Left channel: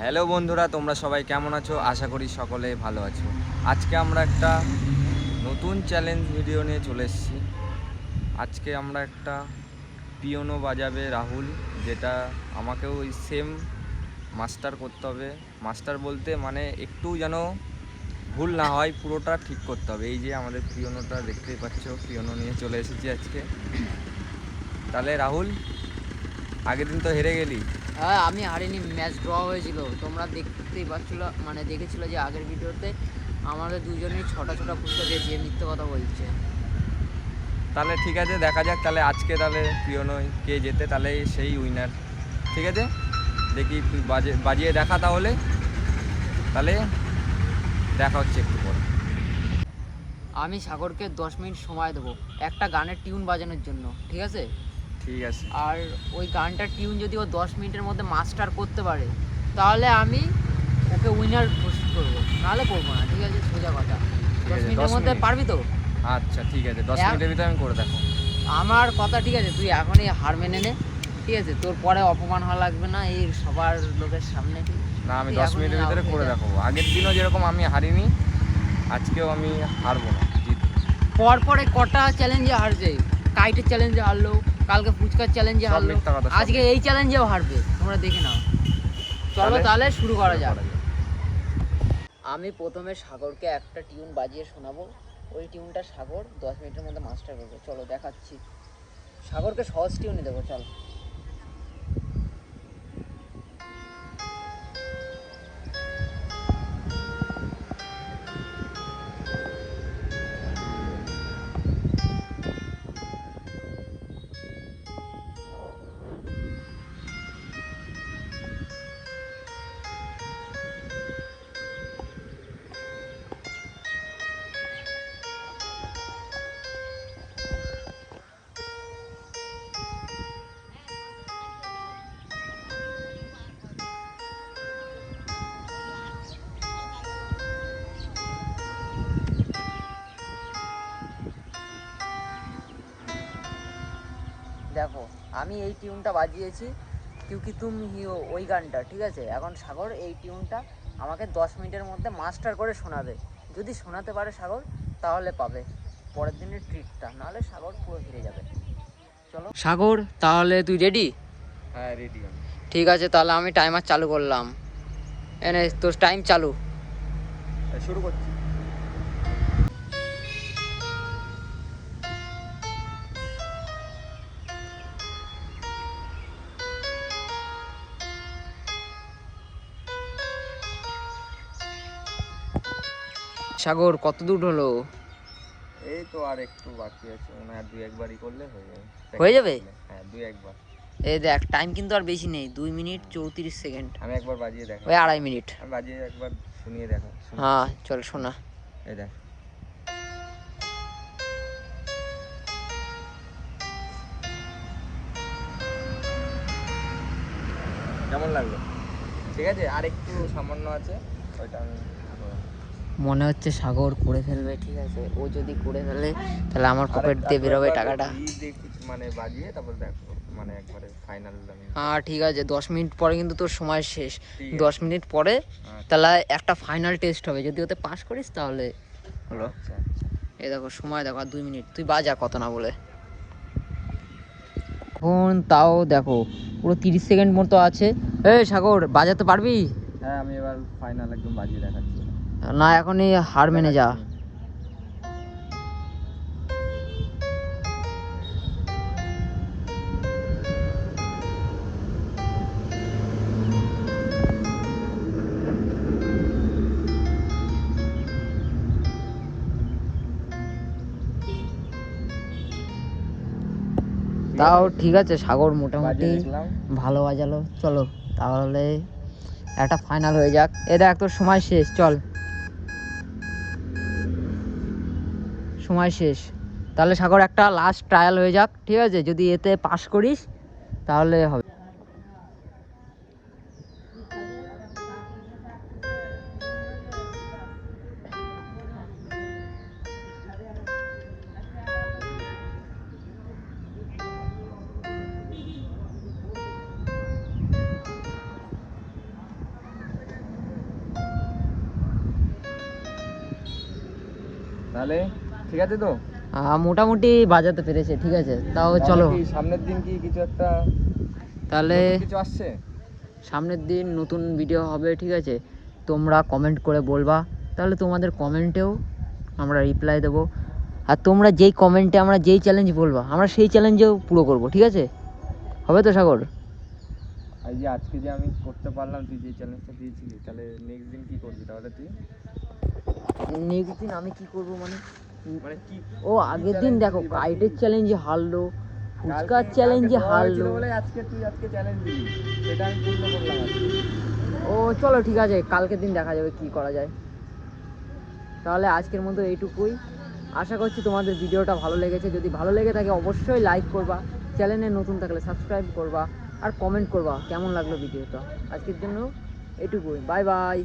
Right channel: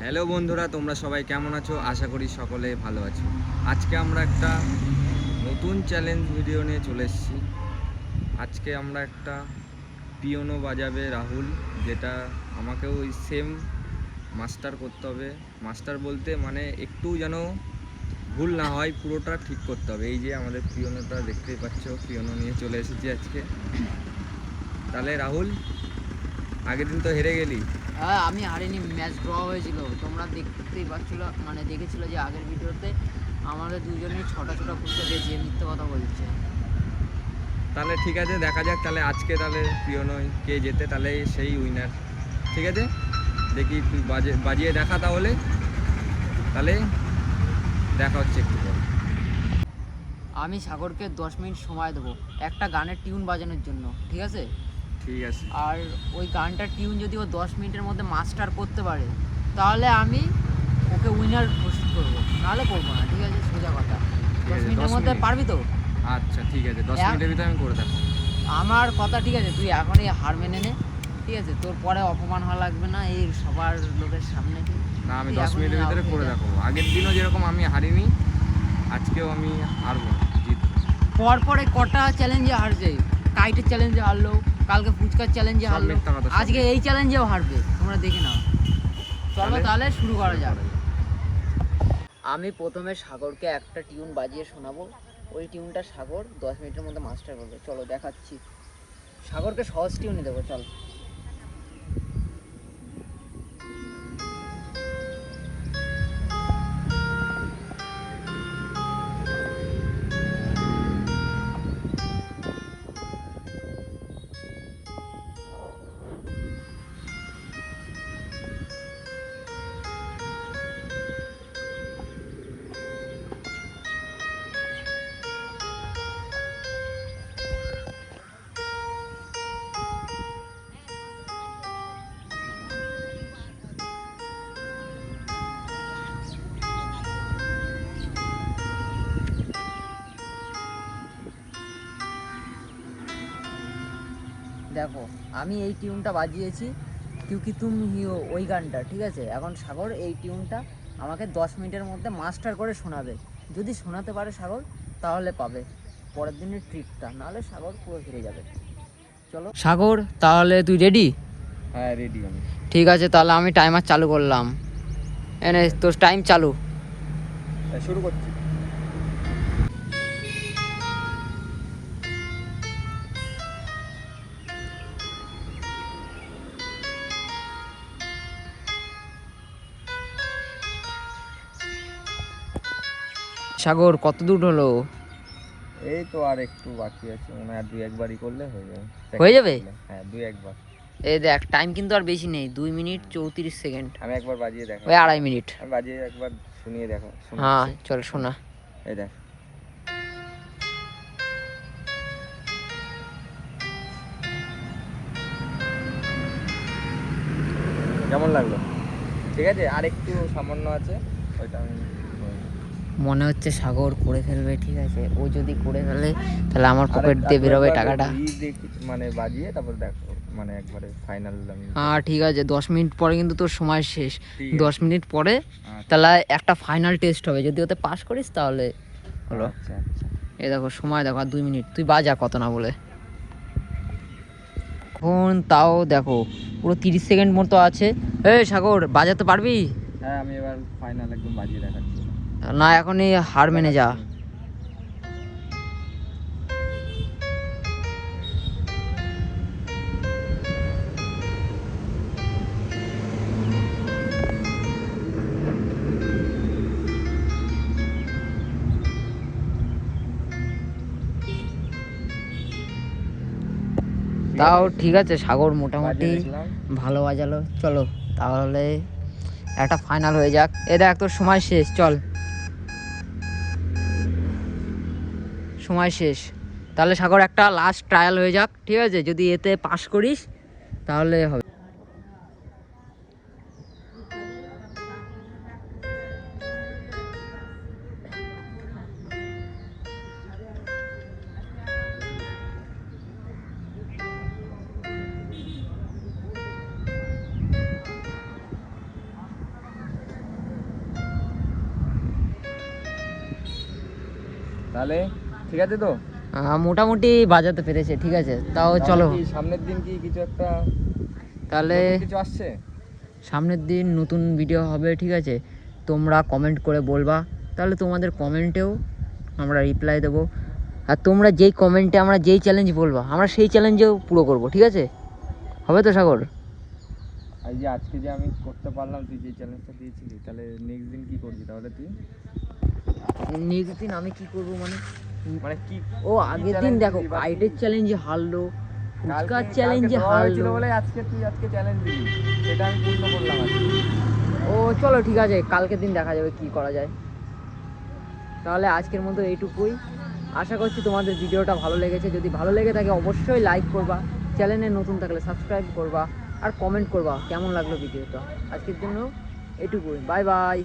Hello বন্ধুরা, তোমরা সবাই কেমন আছো? আশা করি সকলে ভালো আছো। আজকে আমরা একটা নতুন চ্যালেঞ্জ ভিডিও নিয়ে চলে এসেছি। আজকে আমরা একটা পিয়ানো বাজাবে রাহুল, যেটা আমাকেও ওই সেম মাস্টার করতে হবে। মাস্টার বলতে মানে একটু যেন ভুল না হয়, পুরোটা ঠিক করতে হবে। এই যে আমাদের পিয়ানোটা দেখতেই পাচ্ছ, পিয়ানো নিয়ে চলে এসেছি আজকে। তাহলে রাহুল, আগের দিন তো হেরে গেলি। হ্যাঁ, আমি হারিনি, ম্যাচ ড্র হয়েছিল। তোমরা দেখতেই পাচ্ছিল, দেখেছিল যে আগের ভিডিওতে আমাদের দুজনেই ছটা পুষে গেছি। মিথ্যে কথা বলছে। তাহলে ঠিক আছে, দেখা যাক তাহলে আজকে তাহলে পিয়ানো কে জেতে, তাহলে সেই উইনার। ঠিক আছে, দেখি তুই বাজিয়ে দেখা তাহলে দেখা হচ্ছে একটু পরে। আমি সাগরকে 10 মিনিট সময় দেবো একটা গানের টিউন বাজানোর জন্য, ঠিক আছে? ঠিক আছে। আর ওই গানটার টিউন যদি ও 10 মিনিটের মধ্যে মাস্টার করতে পারে তাহলে আমি ওকে উইনার ঘোষিত করবো, নাহলে করবো না। ঠিক আছে, সোজা কথা। 10 মিনিটের মধ্যে পারবি তো? আচ্ছা ঠিক আছে, 10 মিনিটের ভিতরে আমি করে দেখো। আমার কথা ঠিক আছে, তুই এখনই হার মেনে নে। ঠিক আছে, তোর পরে অপমান হওয়া লাগবে না এই সবার লোকের সামনে। না, আমি 10 মিনিটের ভিতরে করে দেখাবো। আগের দিনও যেরকম আমি হারিনি, আজকেও আমি হারবো না, জিতবো। পরপরে কটা চ্যালেঞ্জে হারবে। কাইটের চ্যালেঞ্জে হারলো, কালকে ফুচকার চ্যালেঞ্জে হারলো, আজকে এই চ্যালেঞ্জেও হারবে। তোমরা দেখে নাও। চলো তাহলে শুরু করা যাক। আমি প্রথমে সাগরকে একটা টিউন বাজিয়ে শোনাবো। ওই টিউনটা সাগর 10 মিনিটের মধ্যে মাস্টার করবে। চলো দেখাচ্ছি। সাগরকে সহজ টিউনই দেবো, চল। দেখো, আমি এই টিউনটা বাজিয়েছি, কিউকি তুম হিও, ওই গানটা। ঠিক আছে, এখন সাগর এই টিউনটা আমাকে 10 মিনিটের মধ্যে মাস্টার করে শোনাবে। যদি শোনাতে পারে সাগর তাহলে পাবে পরের দিনের ট্রিটটা, নাহলে সাগর পুরো হেরে যাবে। চলো সাগর, তাহলে তুই রেডি? হ্যাঁ, রেডি আমি। ঠিক আছে, তাহলে আমি টাইমার চালু করলাম। এনে তোর টাইম চালু। শুরু করছি। সাগর, কত দূর হলো? এই তো আর একটু বাকি আছে, মনে হয় আর 2-1বারই করলে হয়ে যাবে। হয়ে যাবে? হ্যাঁ, 2-1বার। এই দেখ, টাইম কিন্তু আর বেশি নেই, 2 মিনিট 34 সেকেন্ড। আমি একবার বাজিয়ে দেখা, ওই 2.5 মিনিট। আমি বাজিয়ে একবার শুনিয়ে দেখা। হ্যাঁ চল শোনা। এই দেখ, কেমন লাগলো? ঠিক আছে, আর একটু সামান্য আছে, ওইটা আমি মনে হচ্ছে সাগর করে ফেলবে। ঠিক আছে, ও যদি করে ফেলে তাহলে আমার পকেট দিয়ে বেরোবে টাকাটা। মানে বাজিয়ে তারপর দেখো, মানে একবারে ফাইনাল আমি। হ্যাঁ ঠিক আছে, 10 মিনিট পরে কিন্তু তোর সময় শেষ। 10 মিনিট পরে তাহলে একটা ফাইনাল টেস্ট হবে, যদি ওতে পাস করিস তাহলে হলো। আচ্ছা আচ্ছা। এই দেখো সময়, দেখো আর 2 মিনিট। তুই বাজা কত না বলে। এখন তাও দেখো পুরো 30 সেকেন্ড মতো আছে। এই সাগর, বাজাতে পারবি? হ্যাঁ, আমি এবার ফাইনাল একদম বাজিয়ে দেখাচ্ছি। না, এখনই হার মেনে যা। তাও ঠিক আছে, সাগর মোটামুটি ভালো বাজালো। চলো তাহলে একটা ফাইনাল হয়ে যাক। এ দেখ তোর সময় শেষ, চল। সময় শেষ। তাহলে সাগর একটা লাস্ট ট্রায়াল হয়ে যাক। ঠিক আছে, যদি এতে পাস করিস তাহলে হবে। তাহলে ঠিক আছে তো? মোটামুটি বাজাতে পেরেছে, ঠিক আছে। তাও চলো, তাহলে কি সামনের দিন কি কিছু একটা তাহলে নতুন কিছু আসছে? সামনের দিন নতুন ভিডিও হবে, ঠিক আছে। তোমরা কমেন্ট করে বলবা, তাহলে তোমাদের কমেন্টেও আমরা রিপ্লাই দেবো। আর তোমরা যেই কমেন্টে আমরা যেই চ্যালেঞ্জ বলবা আমরা সেই চ্যালেঞ্জেও পুরো করব, ঠিক আছে? হবে তো সাগর? এই যে আজকে যে আমি করতে পারলাম, তুই যে চ্যালেঞ্জটা দিয়েছিলি, তাহলে নেক্সট দিন কি করবি তাহলে তুই? নেক্সট দিন আমি কি করব মানে? মানে কি? ও আগের দিন দেখো কাইটের চ্যালেঞ্জে হারলো, ফুচকার চ্যালেঞ্জে হারলো। বলে আজকে তুই চ্যালেঞ্জ দিবি, সেটা আমি পূর্ণ করলাম আজকে। ও চলো ঠিক আছে, কালকের দিন দেখা যাবে কি করা যায়। তাহলে আজকের মতো এইটুকুই। আশা করছি তোমাদের ভিডিওটা ভালো লেগেছে। যদি ভালো লেগে থাকে অবশ্যই লাইক করবা, চ্যানেলে নতুন থাকলে সাবস্ক্রাইব করবা, আর কমেন্ট করবা কেমন লাগলো ভিডিওটা। আজকের জন্য এইটুকুই, বাই বাই।